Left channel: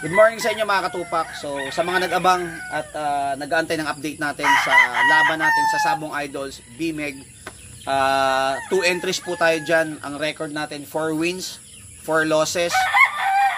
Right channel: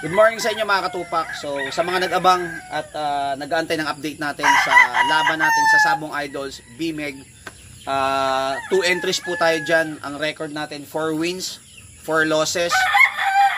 Good morning sa inyo mga katupak. So sa mga nag-abang at nag-aantay ng update natin sa laban natin sa Sabong Idols, BMEG, 2 entries po tayo dyan. Ang record natin 4 wins, 4 losses,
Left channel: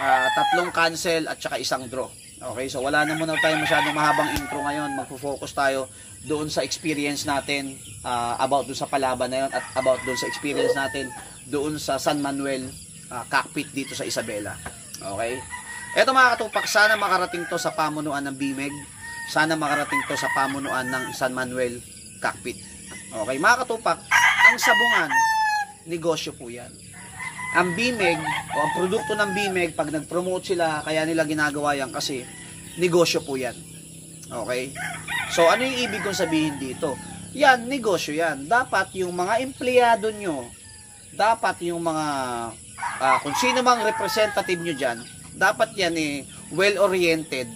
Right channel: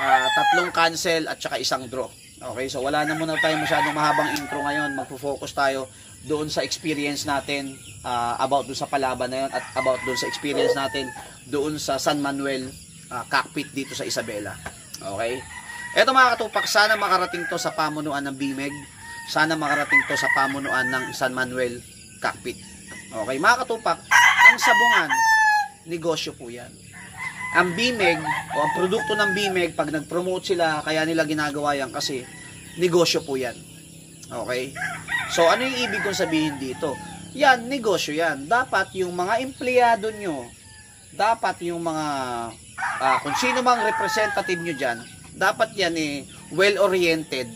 3 cancel at saka 1 draw. Okay, so wala na muna tayo masyadong mahabang intro ngayon. Magpo-focus tayo doon sa experience natin about doon sa palaban na yun at about doon sa experience natin doon sa San Manuel cockpit dito sa Isabela. Okay? Eto mga katupak, sana makarating to sa pamunuan ng BMEG. Sana makarating to sa pamunuan ng San Manuel cockpit. Okay, mga katupak, ang sabungan, negosyo po yan. Ang BMEG, o ang produkto ng BMEG, pag nag-promote sila, kaya nila ginagawa yan kasi negosyo po yan. Okay? So, ano yung ibig kong sabihin dito? Yan, negosyo yan. Dapat yung mga empleyado nyo, dapat yung mga, kung sino mang representative nyo dyan, dapat yan well-oriented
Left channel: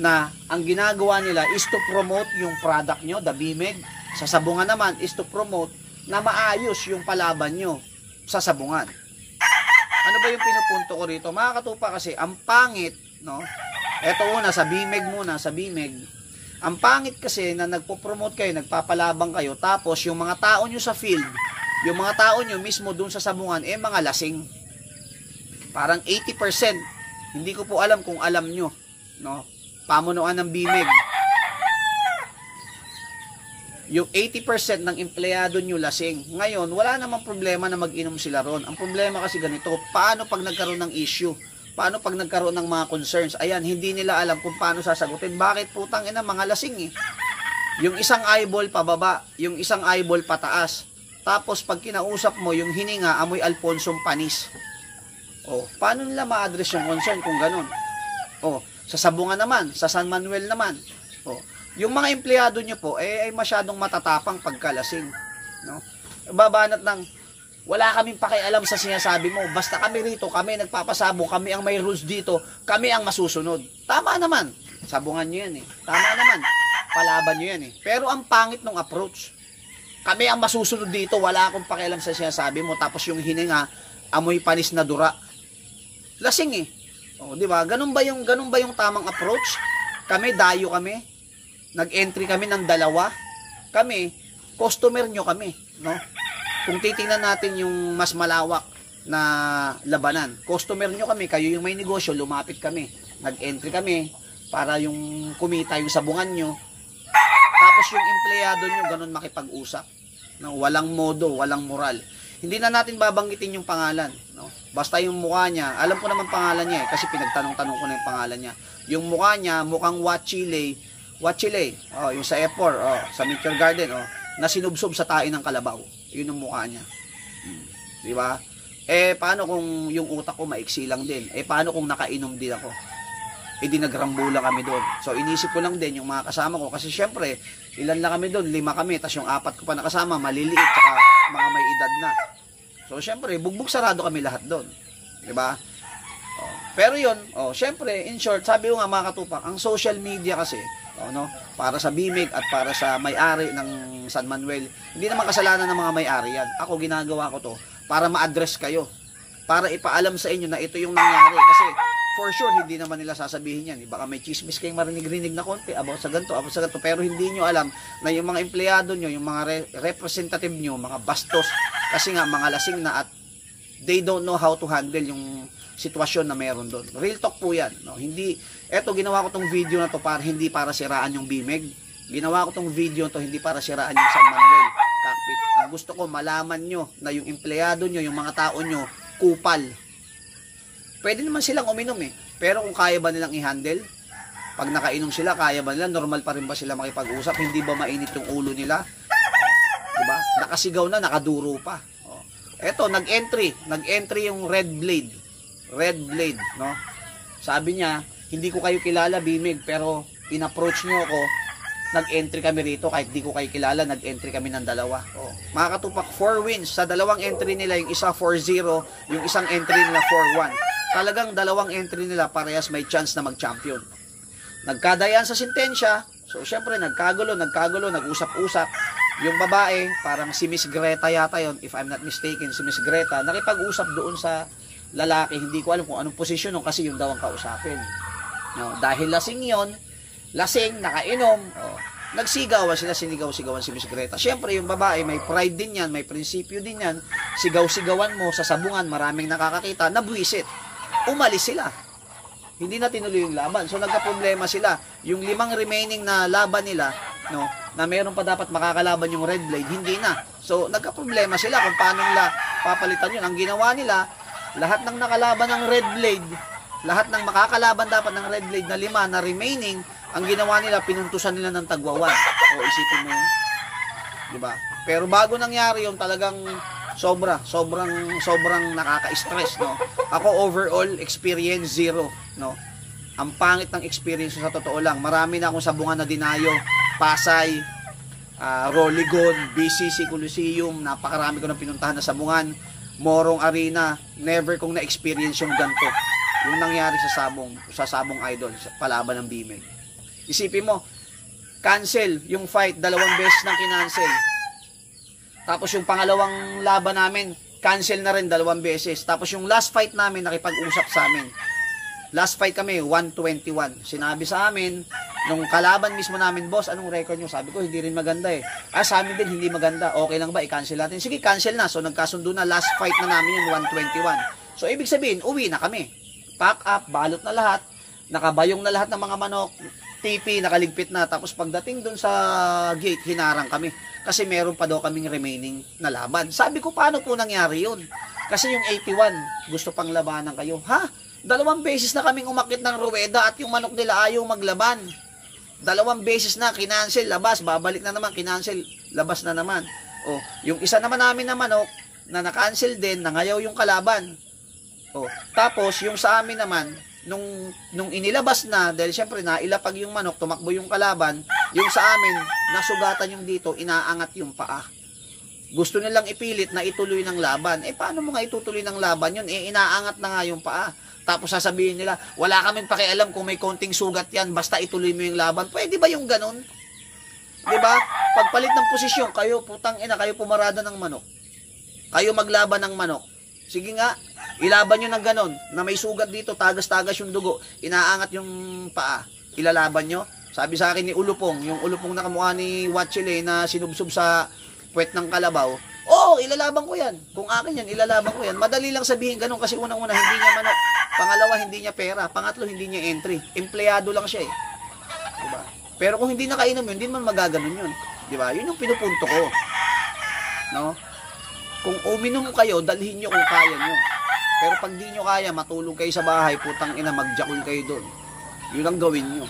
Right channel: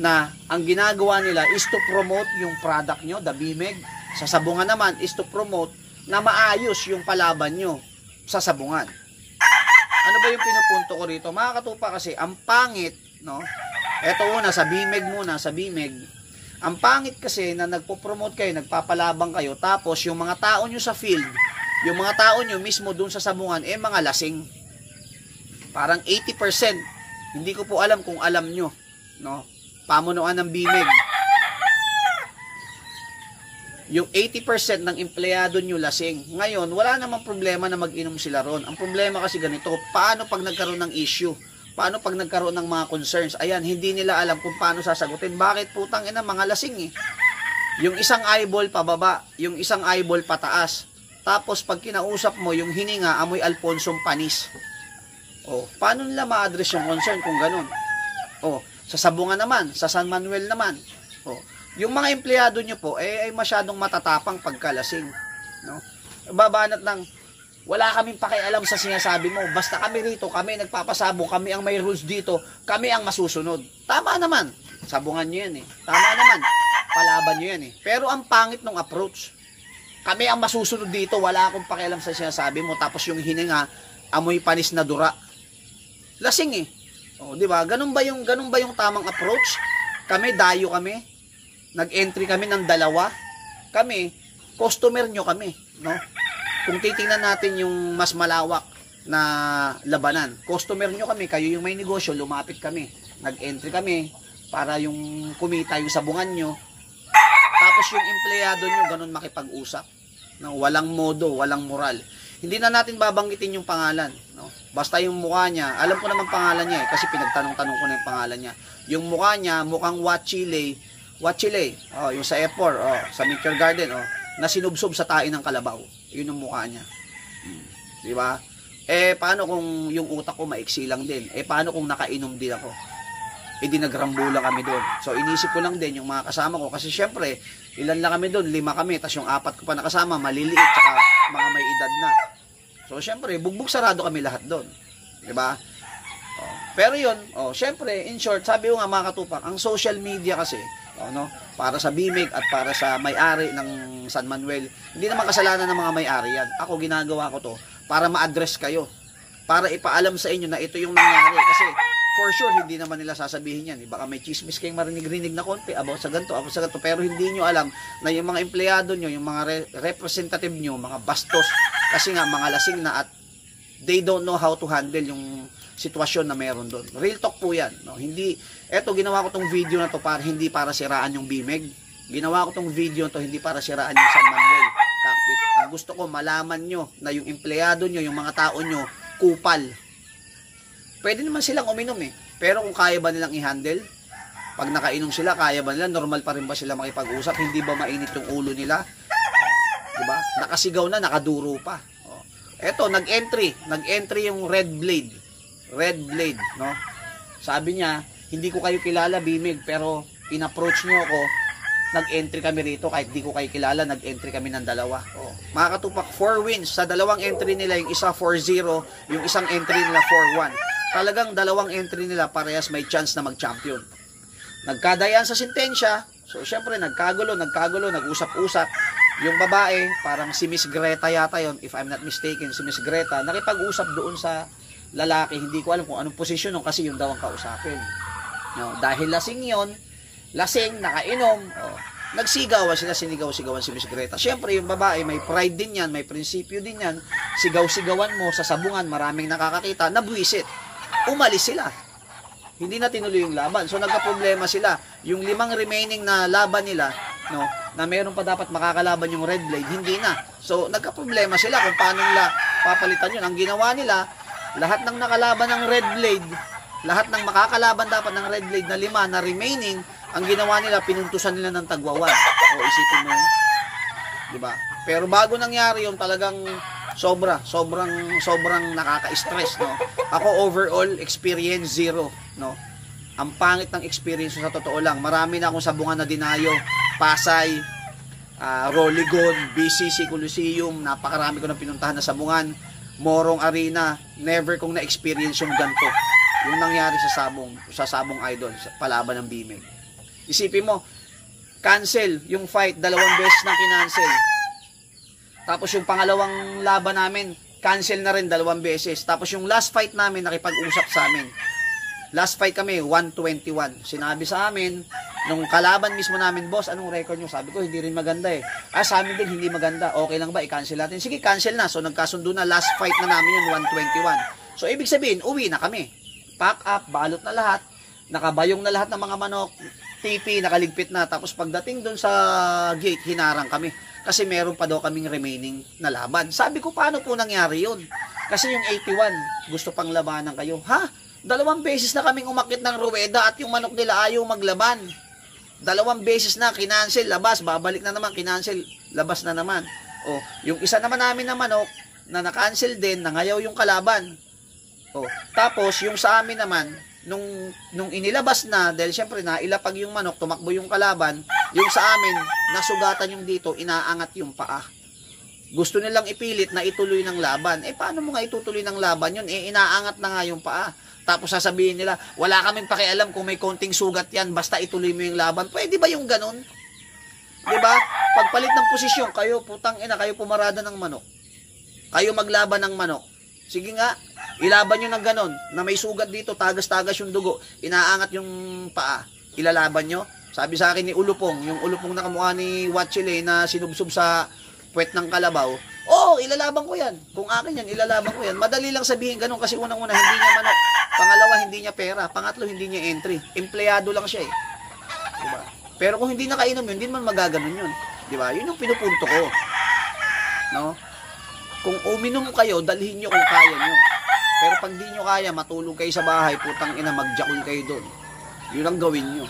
na ang ginagawa nila is to promote yung product nyo, the BMEG. Sa sabungan naman is to promote na maayos yung palaban nyo sa sabungan. Ano ba yung pinupunto ko rito? Mga katupa, kasi ang pangit, no? Eto una, sa BMEG muna, sa BMEG. Ang pangit kasi na nagpo-promote kayo, nagpapalabang kayo, tapos yung mga tao nyo sa field, yung mga tao nyo mismo dun sa sabungan, mga lasing. Parang 80%. Hindi ko po alam kung alam nyo, no? Pamunuan ng BMEG. Yung 80% ng empleyado nyo lasing. Ngayon, wala namang problema na mag-inom sila ron. Ang problema kasi ganito, paano pag nagkaroon ng issue? Paano pag nagkaroon ng mga concerns? Ayan, hindi nila alam kung paano sasagutin. Bakit putang ina, mga lasing Yung isang eyeball pababa, yung isang eyeball pataas. Tapos pag kinausap mo, yung hininga, amoy Alfonsong panis. Oh, paano nila ma-address yung concern kung ganun? Oh, sa sabungan naman, sa San Manuel naman. Oh, yung mga empleyado nyo po ay masyadong matatapang pagkalasing, no? Babanat ng wala kaming pakialam sa sinasabi mo. Basta kami rito, kami nagpapasabong, kami ang may rules dito, kami ang masusunod. Tama naman. Sabungan nyo yan Tama naman. Palaban nyo yan Pero ang pangit ng approach. Kami ang masusunod dito, wala akong pakialam sa sinasabi mo. Tapos yung hininga, amoy panis na dura. Lasing Oh, di ba? Ganun ba yung tamang approach? Kami dayo kami. Nag-entry kami ng 2. Kami, customer nyo kami, no? Kung titingnan natin yung mas malawak na labanan, customer nyo kami, kayo yung may negosyo, lumapit kami. Nag-entry kami para yung kumita yung sabungan nyo. Tapos yung empleyado nyo, ganun makipag-usap. No? Walang modo, walang moral. Hindi na natin babanggitin yung pangalan, no? Basta yung mukha niya, alam ko naman pangalan niya kasi pinagtanong-tanong ko na yung pangalan niya. Yung mukha niya, mukhang Wachile, yung sa F4, sa Meteor Garden, na sinubsob sa tae ng kalabaw. Yun yung mukha niya. Di ba? Paano kung yung utak ko maiksi lang din? Paano kung nakainom din ako? Di nagrambulan kami doon. So, inisip ko lang din yung mga kasama ko. Kasi syempre, ilan lang kami doon? 5 kami. Tapos yung 4 ko pa nakasama, maliliit, tsaka mga may edad na. So, syempre, bugbog sarado kami lahat doon. Diba? Pero yun, syempre, in short, sabi ko nga mga katupak, ang social media kasi, no, para sa BMEG at para sa may-ari ng San Manuel, hindi naman kasalanan ng mga may-ari yan. Ako, ginagawa ko to para ma-address kayo. Para ipaalam sa inyo na ito yung nangyari. Kasi, for sure, hindi naman nila sasabihin yan. Baka may chismis kayong marinig-rinig na konti about sa ganito. Pero hindi nyo alam na yung mga empleyado nyo, yung mga representative nyo, mga bastos, kasi nga mga lasing na at they don't know how to handle yung sitwasyon na meron doon. Real talk po yan. No? Hindi, eto, ginawa ko tong video na to hindi para siraan yung BMEG. Ginawa ko tong video na to hindi para siraan yung San Manuel cockpit. Ang gusto ko, malaman nyo na yung empleyado nyo, yung mga tao nyo, kupal. Pwede naman silang uminom Pero kung kaya ba nilang i-handle? Pag nakainom sila, kaya ba nila? Normal pa rin ba sila makipag-usap? Hindi ba mainit yung ulo nila? Diba? Nakasigaw na, nakaduro pa. Eto, nag-entry yung Red Blade, no? Sabi niya, hindi ko kayo kilala, BMEG, pero in-approach nyo ako, nag-entry kami rito, kahit di ko kayo kilala, nag-entry kami ng 2. Mga katupak, 4 wins. Sa 2 entry nila, yung isa 4-0, yung isang entry nila 4-1. Talagang 2 entry nila, parehas may chance na mag-champion. Nagkadayan sa sintensya, so syempre, nagkagulo, nag-usap-usap. Yung babae, parang si Miss Greta yata yon, if I'm not mistaken, si Miss Greta, nakipag-usap doon sa lalaki, hindi ko alam kung anong posisyon nun kasi yun daw ang kausapin. No, dahil lasing yon, lasing, nakainom, nagsigawan sila, sinigaw-sigawan si Miss Greta. Siyempre, yung babae, may pride din yan, may prinsipyo din yan. Sigaw-sigawan mo sa sabungan, maraming nakakakita, nabwisit. Umalis sila. Hindi na tinuloy yung laban. So, nagka-problema sila. Yung 5 remaining na laban nila, no, na meron pa dapat makakalaban yung red blade, hindi na. So, nagka-problema sila kung paano nila papalitan yun. Ang ginawa nila, lahat ng nakalaban ng red blade, lahat ng makakalaban dapat ng red blade na 5 na remaining, ang ginawa nila, pinuntusan nila ng tagwawan. O, isipin mo yun. Diba? Pero bago nangyari yun, talagang sobrang nakaka-stress, no? Ako, overall, experience 0, no? Ang pangit ng experience sa totoo lang. Marami na akong sabungan na dinayo. Pasay, Roligon, BCC Coliseum, napakarami ko ng pinuntahan na sabungan. Morong Arena, never kong na-experience yung ganito. Yung nangyari sa Sabong Idol, sa palaban ng BMEG. Isipin mo, cancel yung fight, 2 beses nang kinancel. Tapos yung pangalawang laban namin, cancel na rin 2 beses. Tapos yung last fight namin, nakipag-usap sa amin. Last fight kami, 121. Sinabi sa amin, nung kalaban mismo namin, boss, anong record nyo? Sabi ko, hindi rin maganda eh. Sa amin din, hindi maganda. Okay lang ba, i-cancel natin? Sige, cancel na. So, nagkasundo na, last fight na namin yun, 121. So, ibig sabihin, uwi na kami. Pack up, balot na lahat, nakabayong na lahat ng mga manok, TP, nakaligpit na. Tapos pagdating dun sa gate, hinarang kami. Kasi meron pa daw kaming remaining na laban. Sabi ko, paano po nangyari yun? Kasi yung 81, gusto pang labanan kayo. Ha? 2 beses na kaming umakit ng ruweda at yung manok nila ayaw maglaban. 2 beses na, kinancel, labas, babalik na naman, kinancel, labas na naman. O, yung isa naman namin na manok, na na-cancel din, nangayaw yung kalaban. Oh, tapos yung sa amin naman nung inilabas na dahil syempre nailapag yung manok, tumakbo yung kalaban, yung sa amin nasugatan yung dito, inaangat yung paa. Gusto nilang ipilit na ituloy ng laban. Paano mo nga itutuloy ng laban yun? Inaangat na nga yung paa. Tapos sasabihin nila, wala kaming pakialam kung may konting sugat yan, basta ituloy mo yung laban. Pwede ba yung ganun? 'Di ba? Pagpalit ng posisyon, kayo putang ina, kayo pumarada ng manok. Kayo maglaban ng manok. Sige nga, ilaban nyo ng ganon, na may sugat dito, tagas-tagas yung dugo, inaangat yung paa, ilalaban nyo. Sabi sa akin ni Ulupong, yung Ulupong na kamukha ni Watchile na sinubsob sa puwet ng kalabaw, ilalaban ko yan. Kung akin yan, ilalaban ko yan. Madali lang sabihin ganon kasi unang-una, hindi niya manok. Pangalawa, hindi niya pera. Pangatlo, hindi niya entry. Empleyado lang siya eh. Diba? Pero kung hindi nakainom yun, hindi naman magaganon yun. Diba? Yun yung pinupunto ko. No? Kung uminom kayo, dalhin nyo kung kaya nyo. Pero pag di nyo kaya, matulog kayo sa bahay, putang ina, magjakul kayo doon. Yun ang gawin nyo.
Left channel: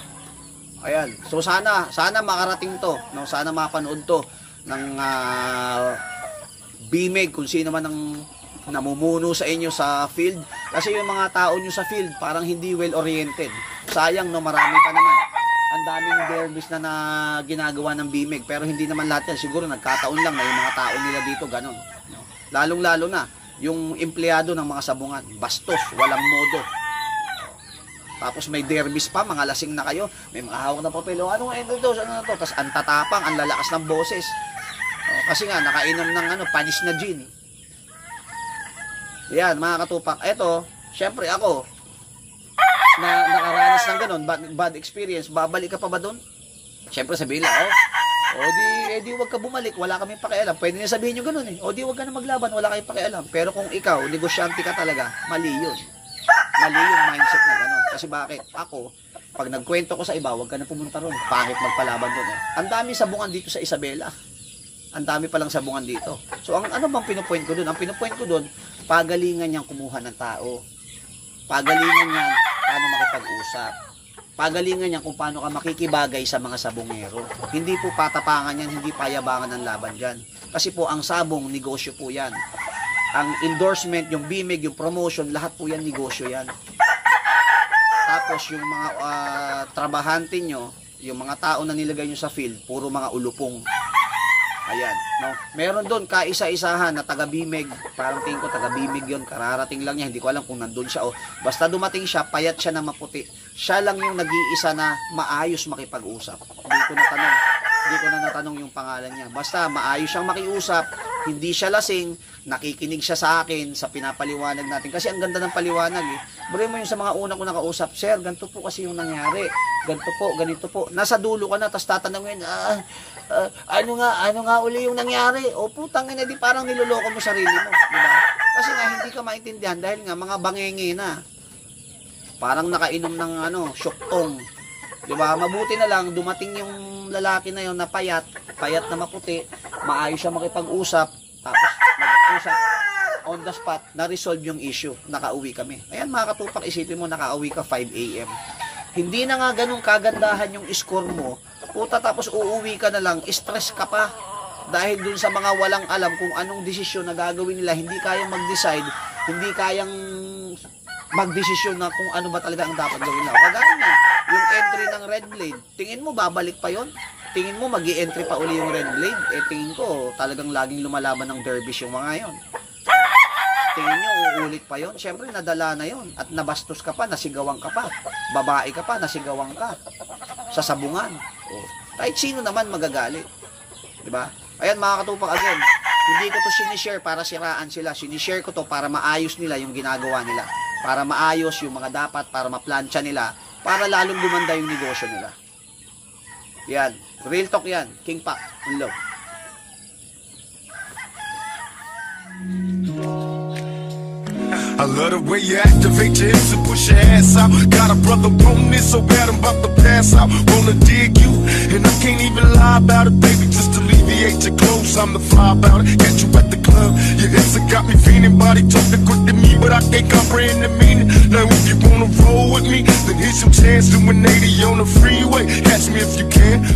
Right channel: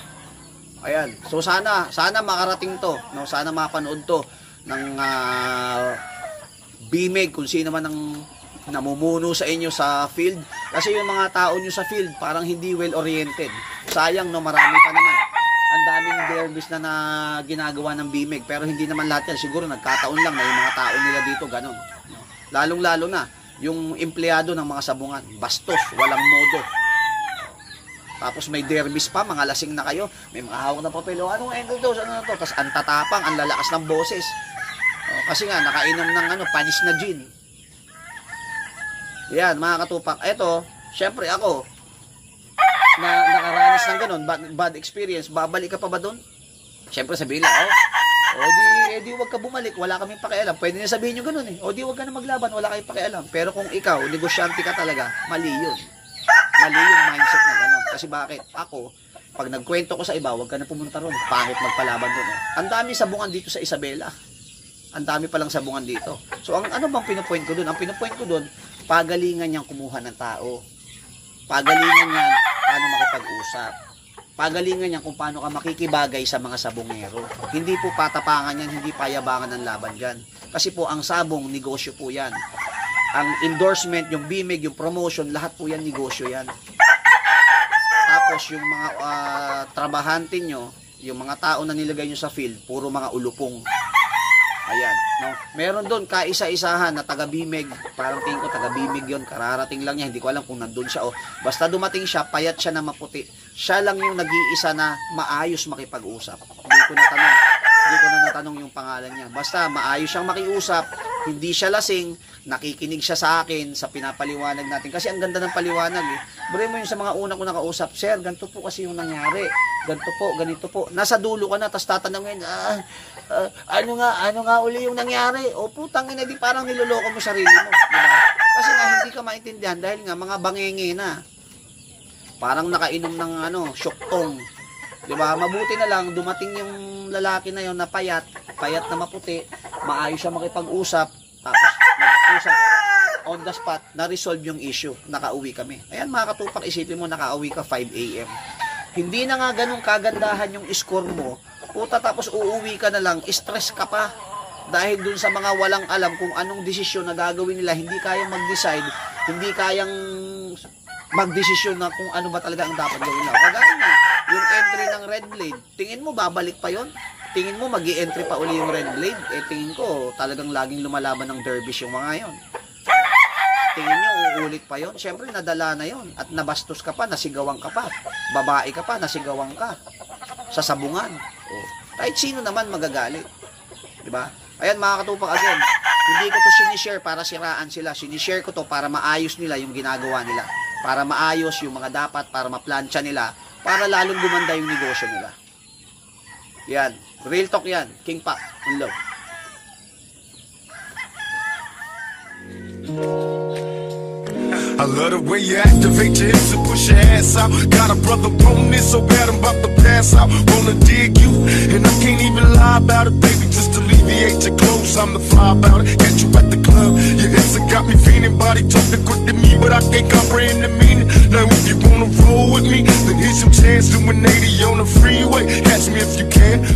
Ayan. So sana makarating to. No? Sana mapanood to ng BMEG, kung sino man ang namumuno sa inyo sa field. Kasi yung mga tao nyo sa field, parang hindi well-oriented. Sayang, no, marami pa naman. Ang daming derbies na ginagawa ng BMEG, pero hindi naman lahat yan. Siguro nagkataon lang na yung mga tao nila dito ganon. No? Lalong-lalo na yung empleyado ng mga sabungan, bastos, walang modo. Tapos may derbies pa, mga lasing na kayo, may mga hawak na papel, anong angle dose, ano na to? Tapos ang tatapang, ang lalakas ng boses. Kasi nga, nakainom ng panis na gin. Yan, mga katupak. Eto, syempre ako, na nakaranas ng ganon, bad experience, babalik ka pa ba doon? Syempre sabihin lang, di wag ka bumalik, wala kaming pakialam. Pwede niya sabihin nyo ganun eh. Di wag ka na maglaban, wala kayong pakialam. Pero kung ikaw, negosyante ka talaga, mali yun. Mali yung mindset na ganon. Kasi bakit? Ako, pag nagkwento ko sa iba, wag ka na pumunta ron. Pangit magpalaban doon. Ang dami sabungan dito sa Isabela. Ang dami palang sabungan dito. So, ano bang pinupoint ko doon? Ang pinupoint ko doon, pagalingan niyang kumuha ng tao. Pagalingan niyan paano makipag-usap. Pagalingan niyan kung paano ka makikibagay sa mga sabongero. Hindi po patapangan yan, hindi payabangan ng laban dyan. Kasi po, ang sabong, negosyo po yan. Ang endorsement, yung BMEG, yung promotion, lahat po yan, negosyo yan. Tapos, yung mga trabahante nyo, yung mga tao na nilagay nyo sa field, puro mga ulupong. Ayan, no? Meron doon kaisa-isahan na taga BMEG, parang tingin ko taga BMEG yun, kararating lang niya, hindi ko alam kung nandun siya basta dumating siya, payat siya na maputi. Siya lang yung nag-iisa na maayos makipag-usap. Hindi ko natanong Hindi ko na natanong yung pangalan niya. Basta maayos siyang makiusap, hindi siya lasing, nakikinig siya sa akin sa pinapaliwanag natin. Kasi ang ganda ng paliwanag eh. Bro mo yung sa mga una ko nakausap, sir, ganito po kasi yung nangyari. Ganito po, ganito po. Nasa dulo ka na, tapos tatanungin, ano nga uli yung nangyari? O putang ina, di parang niloloko mo sarili mo. Diba? Kasi nga hindi ka maintindihan dahil nga mga bangenge na. Parang nakainom ng syoktong. Diba? Mabuti na lang, dumating yung lalaki na yon na payat na maputi, maayos siya makipag-usap, tapos nag-usap on the spot, na-resolve yung issue, nakauwi kami. Ayan mga katupak, isipin mo, nakauwi ka 5 AM. Hindi na nga ganun kagandahan yung score mo, puta, tapos uuwi ka na lang, stress ka pa, dahil dun sa mga walang alam kung anong desisyon na gagawin nila, hindi kayang mag-decide, hindi kayang magdesisyon na kung ano ba talaga ang dapat gawin nila. Kagaya na, yung entry ng red blade, tingin mo babalik pa yon? Tingin mo magi-entry pa uli yung red blade? Tingin ko talagang laging lumalaban ng dervish yung mga yon. Tingin nyo uulit pa yon? Syempre nadala na yon at nabastos ka pa, nasigawan ka pa, babae ka pa, nasigawan ka sa sabungan. Kahit sino naman magagalit, di ba? Ayan mga katupak, again, hindi ko to sinishare para siraan sila, sinishare ko to para maayos nila yung ginagawa nila, para maayos yung mga dapat, para maplansya nila, para lalong gumanda yung negosyo nila. Yan. Real talk yan. King Pac. Unlow. I love the way you activate your hips and push your ass out. Got a brother on this so bad I'm about to pass out. Wanna dig you, and I can't even lie about it, baby. Just alleviate your clothes, I'm the fly about it. Catch you at the club, your hips have got me feeling. Body talking quick to me, but I can't comprehend the meaning. Now if you wanna roll with me, then here's some chance to an 80 on the freeway. Catch me if you can.